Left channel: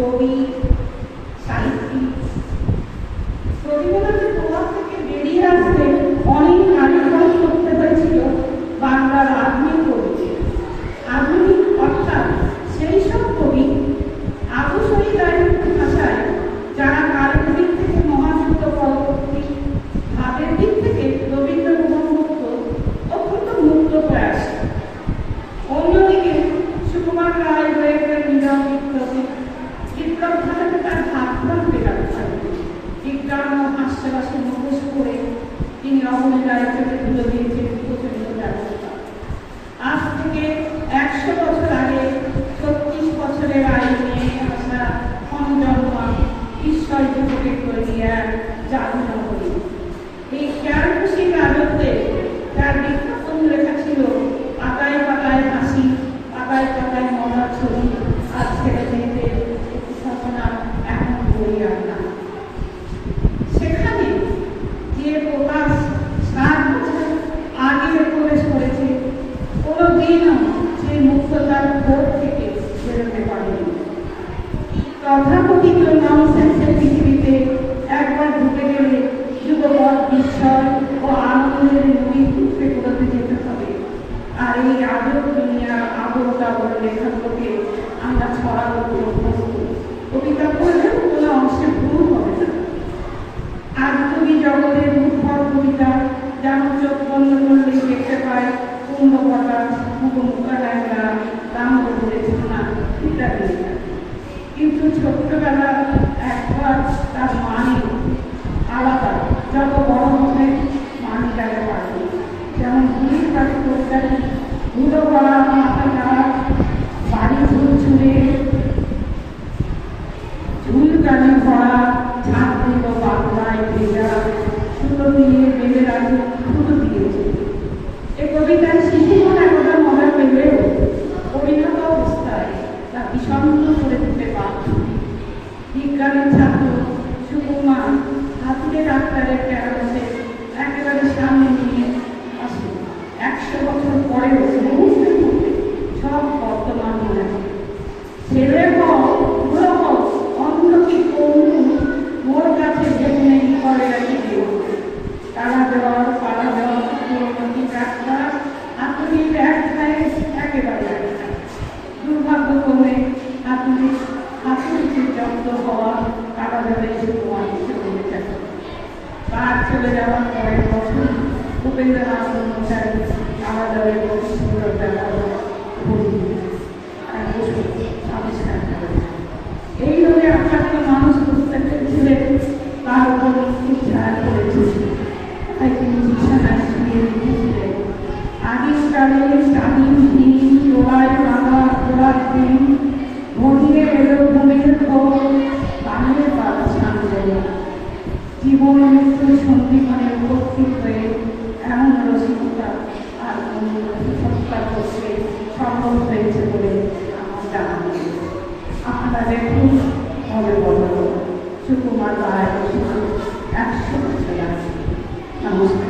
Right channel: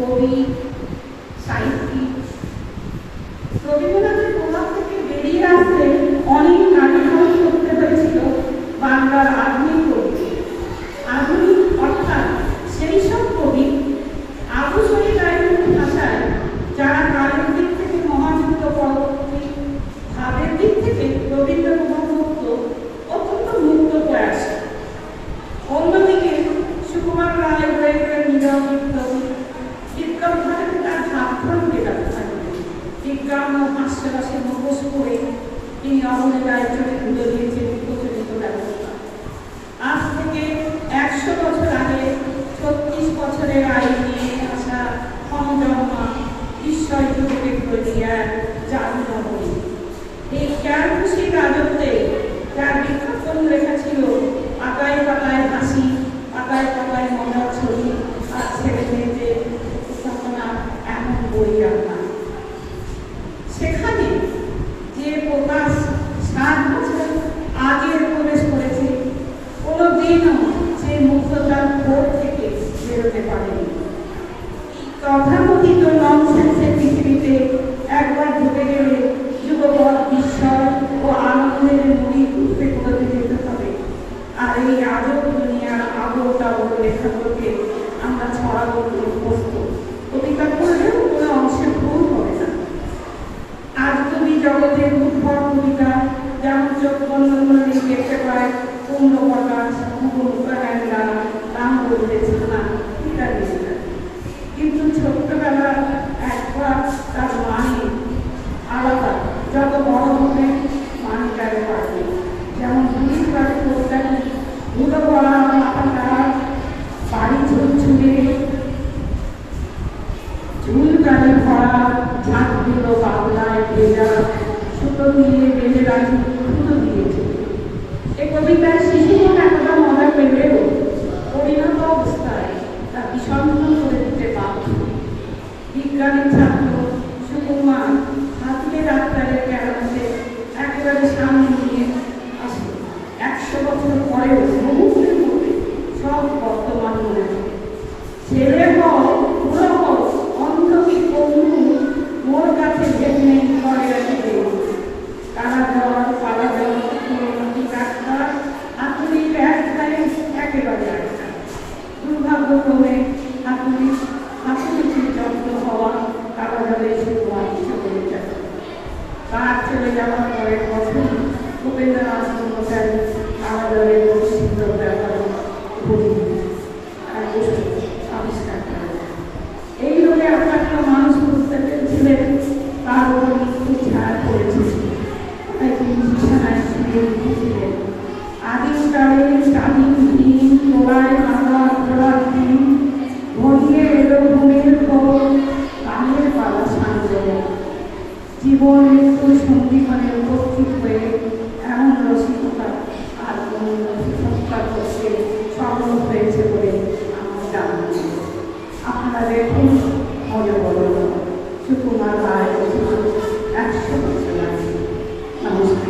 কবি, সাহিত্যিক। রবীন্দ্রনাথের প্রভাব থেকে বেরিয়ে আসতে অনেক নাটক করতে হয়েছিল বাংলার আধুনিক কবি। আধুনিক অর্থাৎ সেই সব কবি আদর্শী গায়কের ভাষায় যারা কালের দিক থেকে মহাযুক্ত, পরবর্তী ভাবের দিক থেকে রবীন্দ্র মুক্ত, অত্যন্ত মুক্ত প্রয়াস। অন্যদিকে সুকুমার রায় হয়ে গেলেন নীরব বিপ্লবী। বিপ্লব ঘটাতে তার হাত ধরতে পারতেন। বিজ্ঞান ও হাস্যরসের মুখোশ করে তিনি অবনে রায়চকে তুলে দিয়েছেন প্রচলিত ব্যবস্থা। আজ থেকে 100 বছর আগে 36 বছরের আয়ু নিয়ে আসা ক্ষমজন্মা ঈশ্বর জগতে প্রক্রিয়া চালু না হয়ে এই জ্ঞান খুশি রাজত্বে যার বিখ্যাত লেখা ছিল পাতায় পাতায় হাসি, পাতায় পাতায় মজার ছবি, আর ছেলে মেয়েদের উপস্থাপনা এমন বই আর না। সেখানে যে প্রকাশ 7 বছর আগে প্রবেশ করেছে, কোনো দিনও সে মুক্ততার ভোট থেকে বেরোতে পারেনি। তথাকথিত ননসেন্সের পৃথিবীতে একবার ঢুকে গেলে যুগপৎ বিস্ময় ও আনন্দের নদী ঘুরতে ঘুরতে যেতে হবে। আর এই আজব দুনিয়ার আবহটা বলে লেখাগুলোকে আমরা ছড়া করতে অভ্যস্ত। কবিতা পড়লেও কোনো অংশে ভুল হবে না। আজ কবি জগতের দুর্ভর কবিতা যেমন চোখ বন্ধ করলেই দেখতে পায় কুম্ভকটা, মুখমুখা ড্যাংরা, রামগৌরের ছানা ইত্যাদি। কিন্তু ছোট্টবেলা একবার তার মানে আলাদা, যত বড় হবে মানে তারা পারবে। যেমন পুলিশ পাখি তরকারি, ধুলো পড়া মাথা নাড়া, বাড়ি ঝুলঝুলে, ঝুল কানে ভরা, ঝাঁকগুলো বাংলায় ভেজা, সুতো দিয়ে বেঁধে রাখি সুতো দিয়েছে। এ কবিতার শিশুরা একদম মজা পেলেও পরিণত অবস্থায় তা বিষণ্ণ করে দিতে বাধ্য। বিজ্ঞানের ছাত্র সুকুমার হাতিকে ডাক্তারের ক্যারামতে একেবারে সামনে নিয়ে আসে। 100 বছর পরেও মুহূর্তে মুহূর্তে সব বর্তমান মনে হয়। ছেলে হও, বুড়ো হও, অন্য কি কমু, মোর কাছে যেমনি করে রাখি দেব। কারা জ্বর, পাড়া জ্বর, পুরোনো ডাক্তার, হাতুড়ি একটাই একেবারে একটা। দুর্ভাগ্যক্রমে হাতুড়ি জব্দ হওয়া কারা জ্বরে শুধু অংশ করে যাবে। তার চলে যাওয়ার পরের বছর উপেন্দ্রনাথ মশাই কারা জ্বরে সুন্দর ব্যাপার আবিষ্কার করেন। এই হয়ে আক্রান্ত মানুষ বুঝতে পেরেছিলেন তার উপর মৃত্যু ছায়া পড়েছে। তাই তিনি বিছানায় শুয়ে উঠেছিলেন। আদিম কালের স্বাধীন দিন, তোলায় বাঁধা তোলার দিন, ঘনিয়ে এলো ঘুমের খবর, গানের পালা সামনে জীবন মৃত্যু সন্ধিক্ষণে উপস্থিত হয়ে এমন রসিকতা আর সৎকার করতে সফল হয়েছে বলে আমার জানা। আপনারা দেখুন হবে বলো সুকুমার রায় 100 বছর আগে। নমস্কার।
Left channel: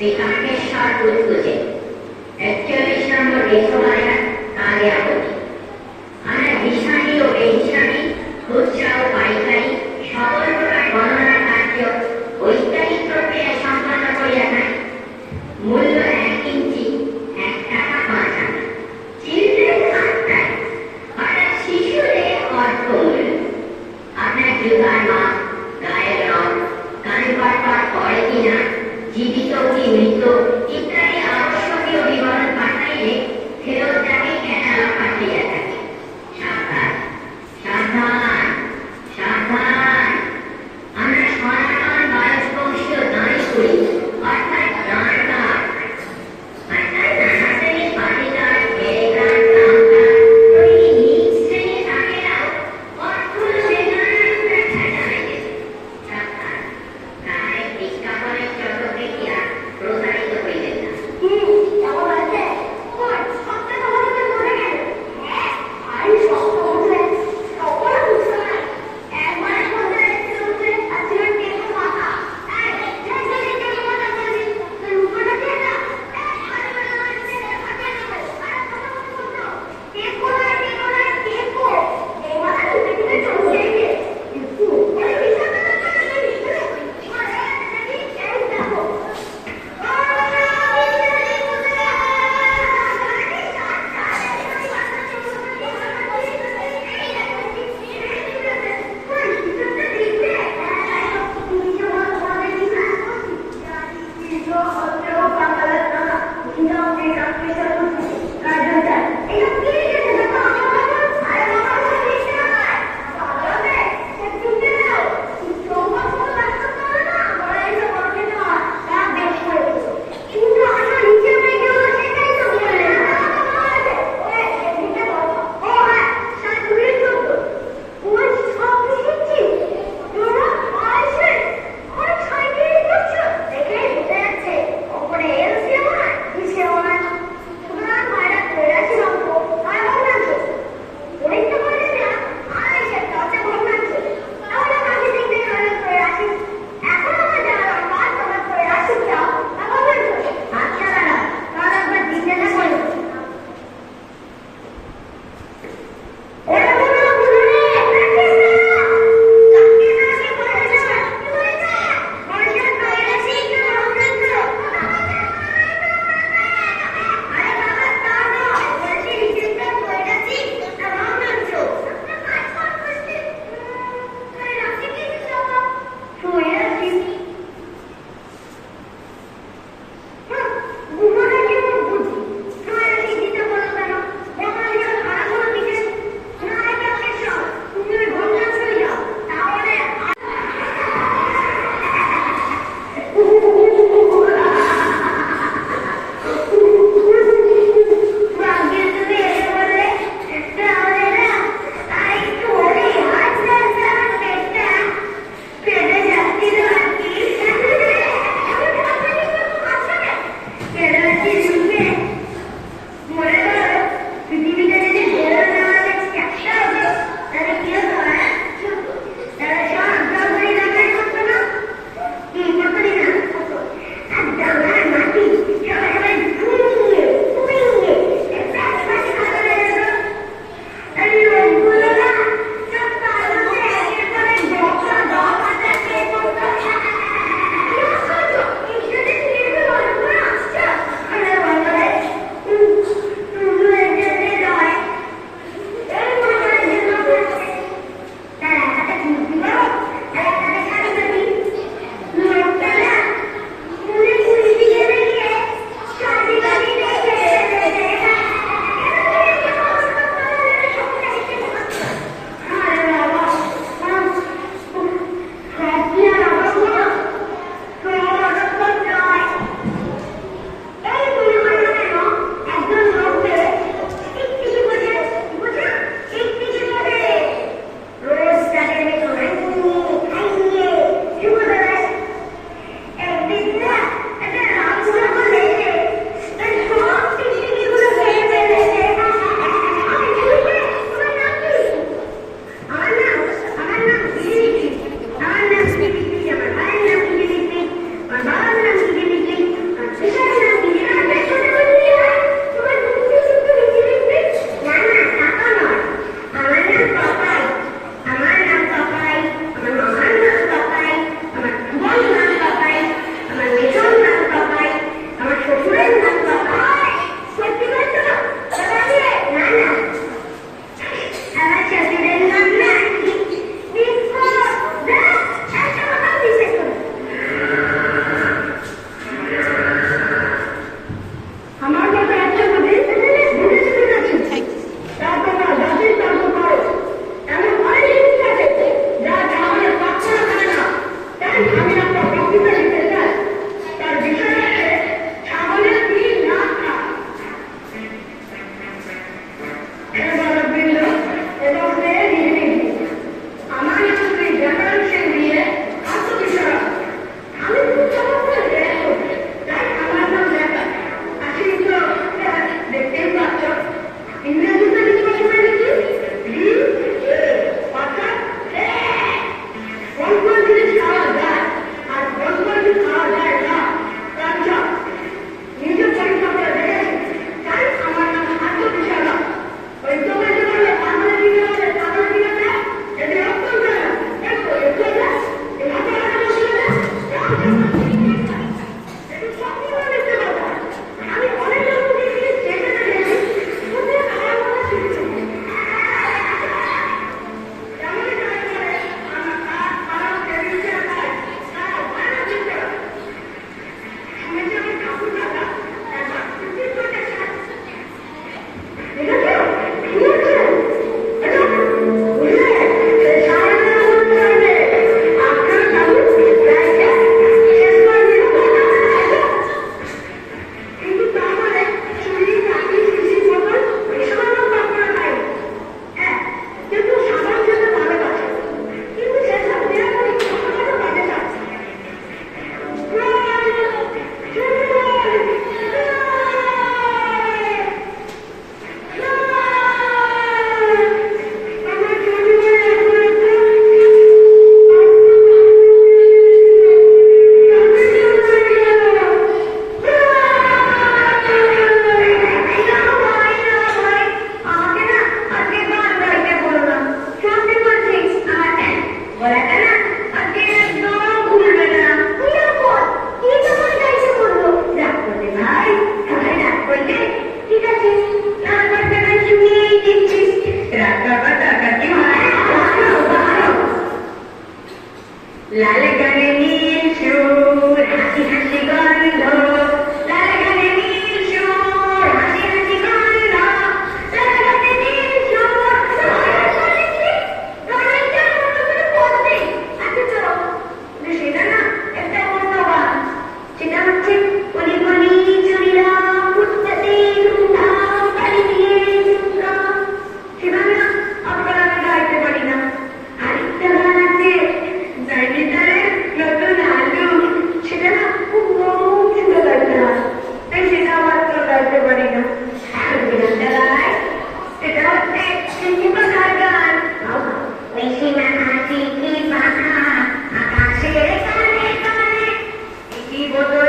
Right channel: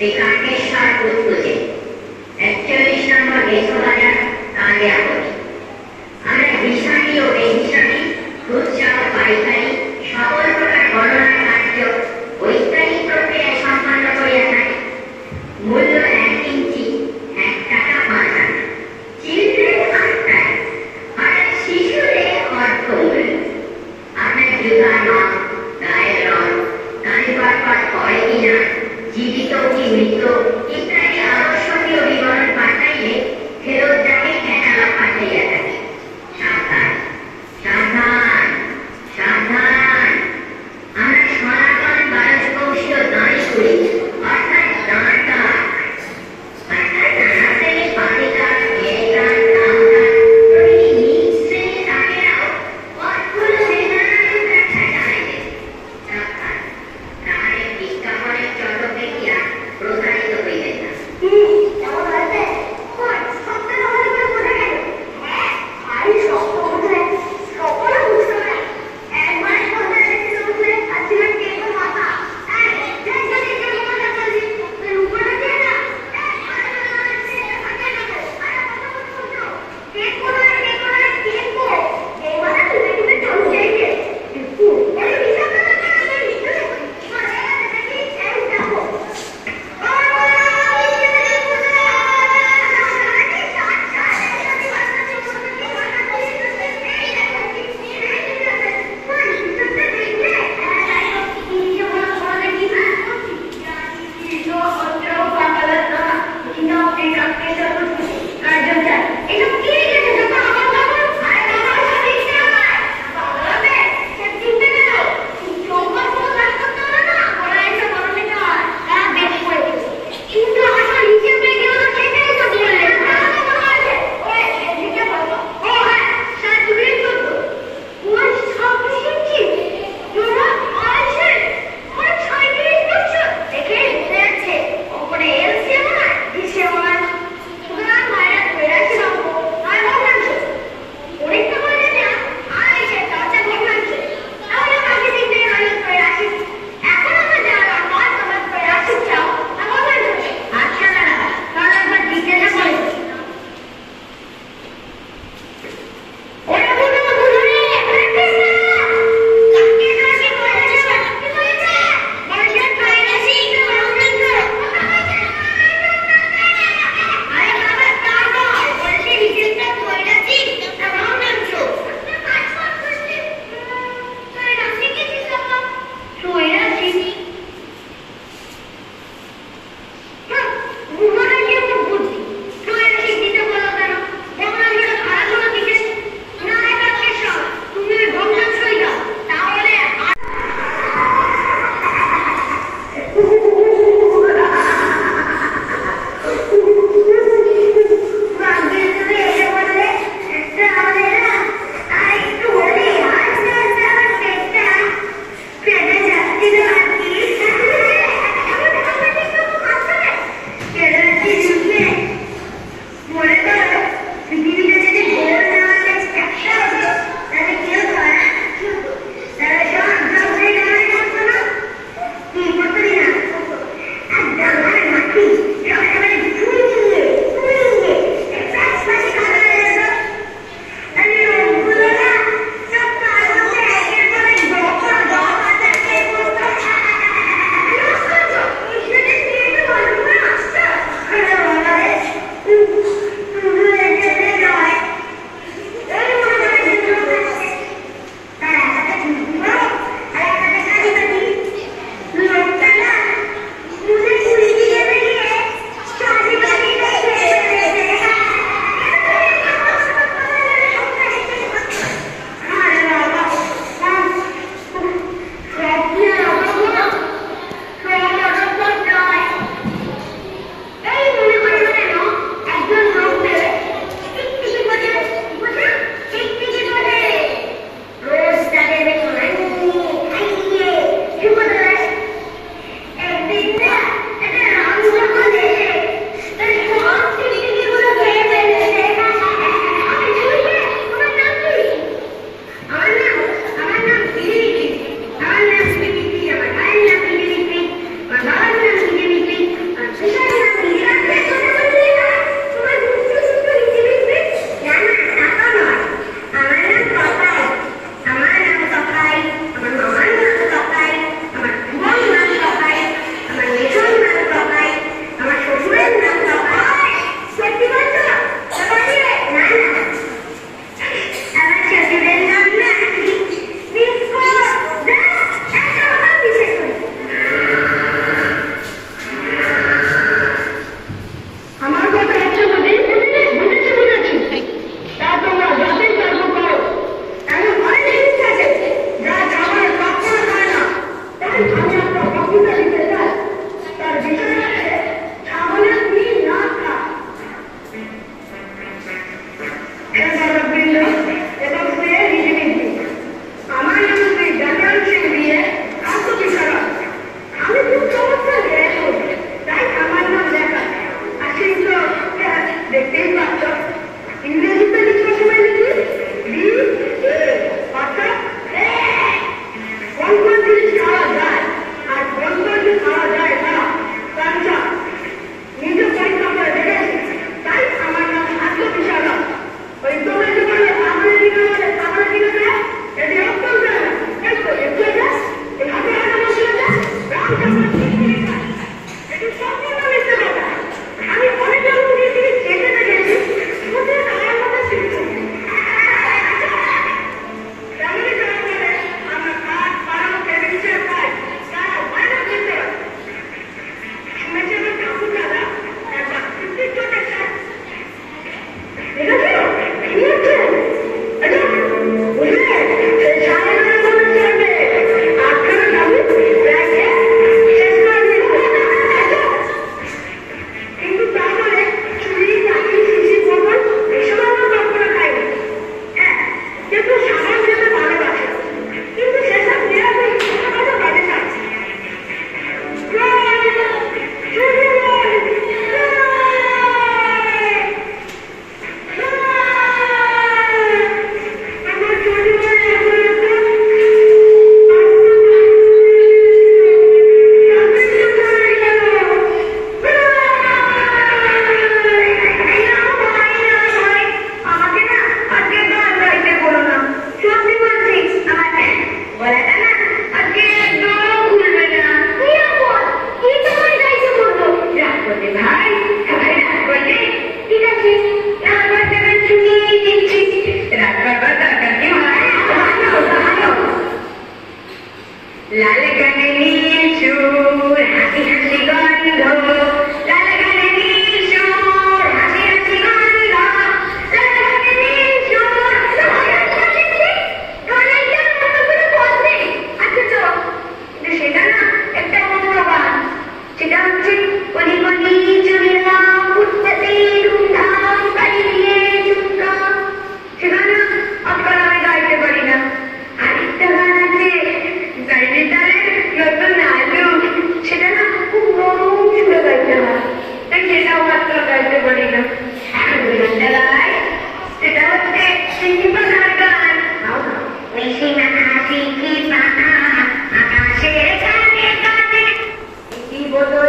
শ্রীকান্তেশ্বর বুঝবুঝে ৪১ নম্বর বেছবাজার কালে আপত্তি। আমরা হিসাবি ও বেহিসাবি, খুচরা ও পাইকারি সকল প্রকার গণনা কার্য বৈজ্ঞানিক প্রক্রিয়ায় সম্পন্ন করিয়া থাকি। মূল্য ১ ইঞ্চি ১ টাকা ৫ আনা। চিলড্রেন আটটায় অর্থাৎ শিশুদের অর্থমূল্য। আপনার জুতার মাপ, গায়ের রং, কানে পাট পড়ে কিনা, জীবিত কি মৃত ইত্যাদি আবশ্যকীয় বিবরণ পাঠাইলে ফেরত যাকে ক্যাটালগ পাঠাইয়া থাকে। সাবধান সাবধান সাবধান, আমরা সনাতন বায়স্পংশীয় দান করি, অর্থাৎ দানটা শ্রেণী পাতিকার মেয়েকার দামটা প্রতিটি নিজ শ্রেণী থাকেও অর্থ সেখানে ছাড়াইলে সাবধান, নাহলে বিজ্ঞাপনের চক্র দেখিয়া প্রতারিত হইবে না।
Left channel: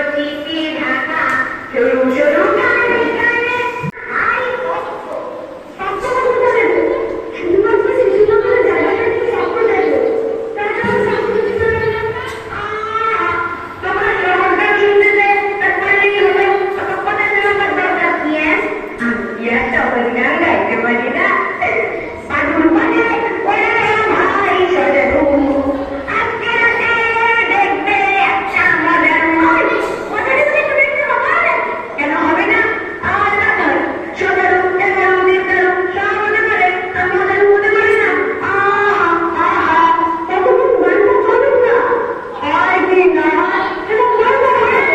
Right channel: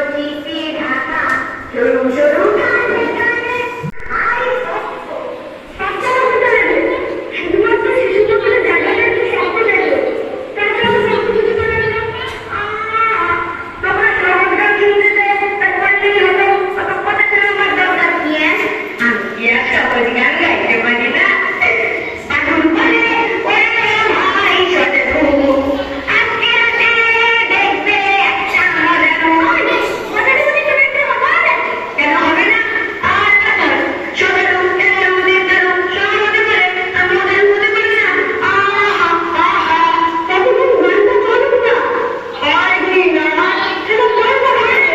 চিঠি ঢাকা সরু সরু গানে গানে আই কষ্ট বাচ্চারা বলতে লাগলো শুধুমাত্র শিশুগুলো জানিয়ে তুমি রাখতে লাগলো তাছাড়া সামনে দিতে লাগলো তোমরা শ্রবণটা শুনতে দে তা করলেই হলো অত কথা শোনাবার দরকার কি আমি কি আর সকল গান গাইতে পারি না এখন বলে ওরে ভাই ছোট আজকে রাতে দেখবে একটা মজার মজার মজার কিছু দেখতে হবে না কেন হবে না আর কথা ছোট এলাম দেখলাম সব হতে পারে আর মজার হতে পারে না তখন গানটা চলুন না হয় কি না সেটা বলবো না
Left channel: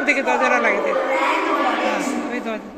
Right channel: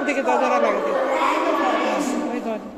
ওদিকে দরজাটা লাগিয়ে দে। হ্যাঁ, ওই দরজা।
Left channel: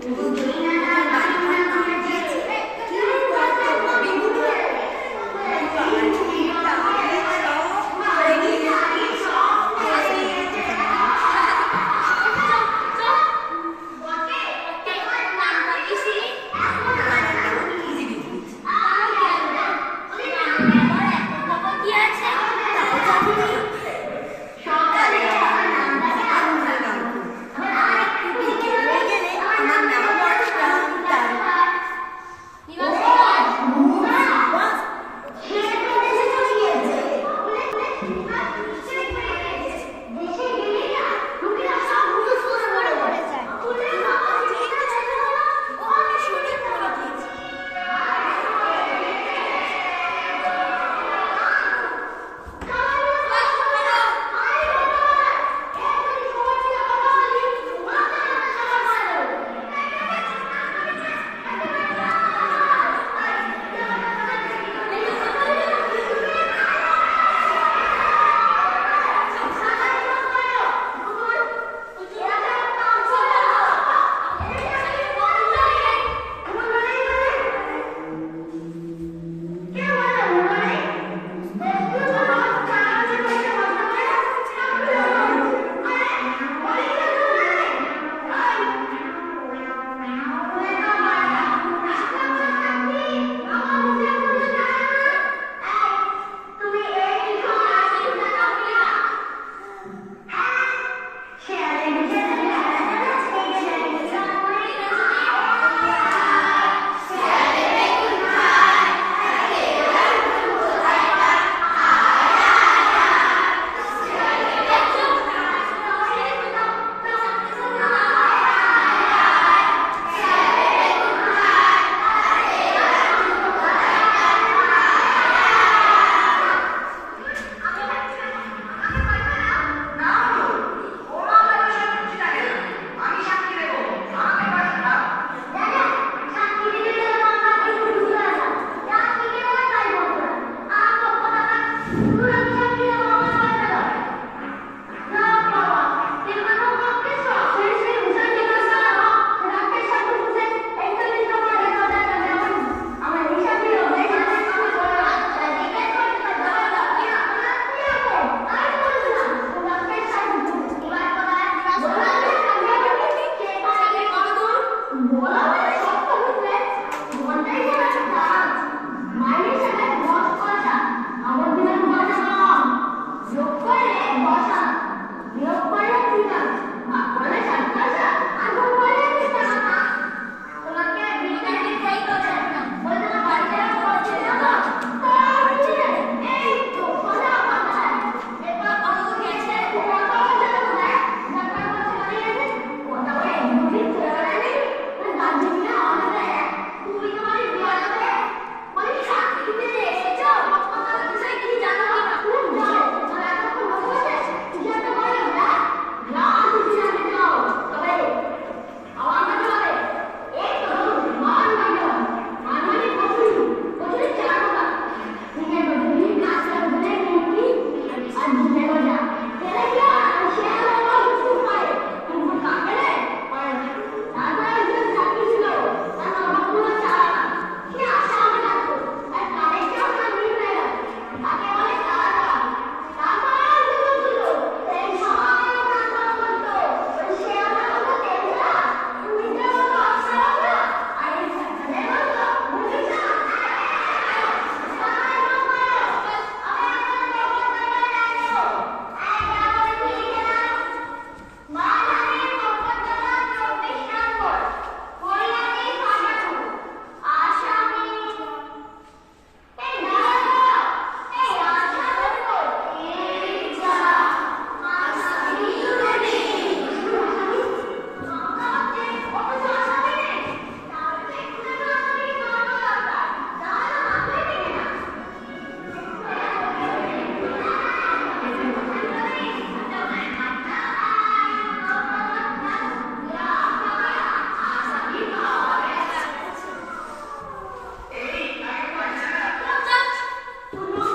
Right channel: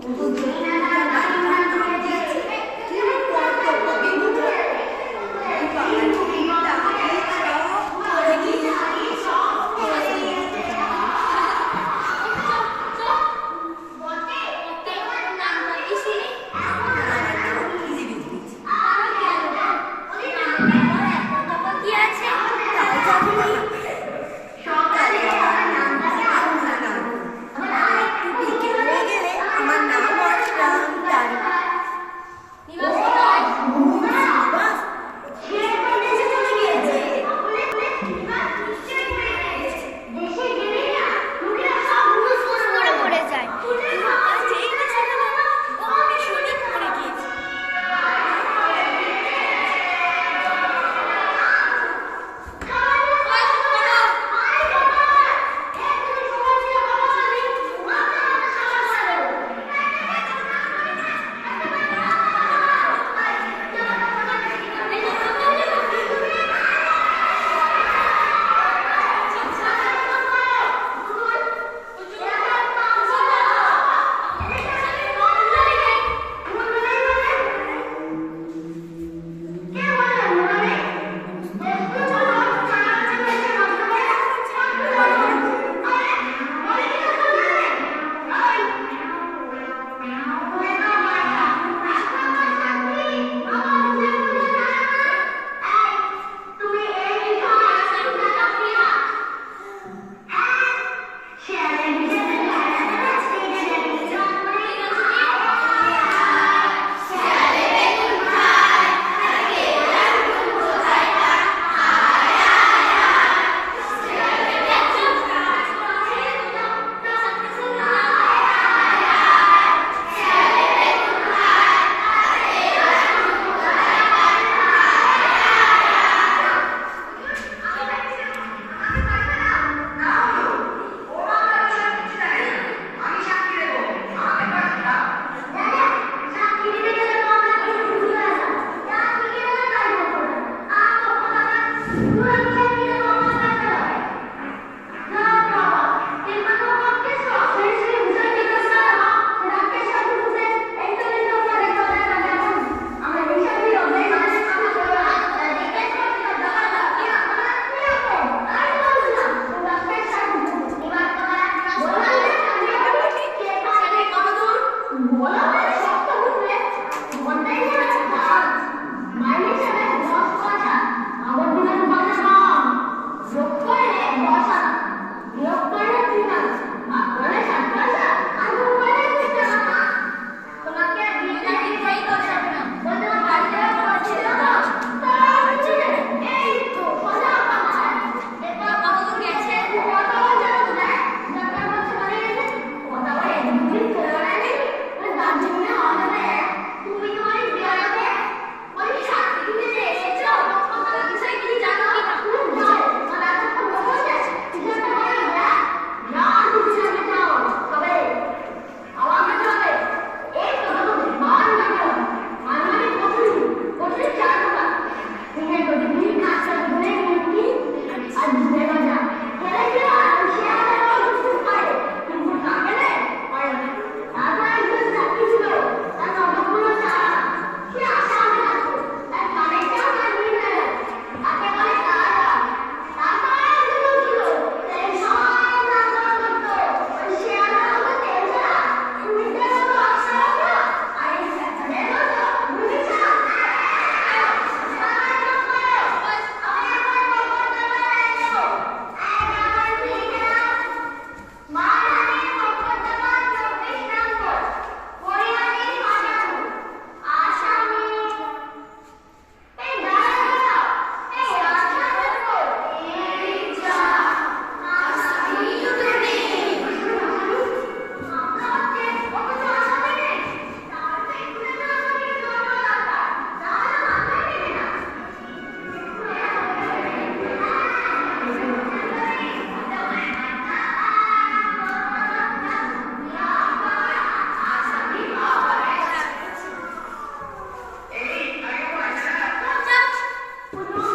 শুনো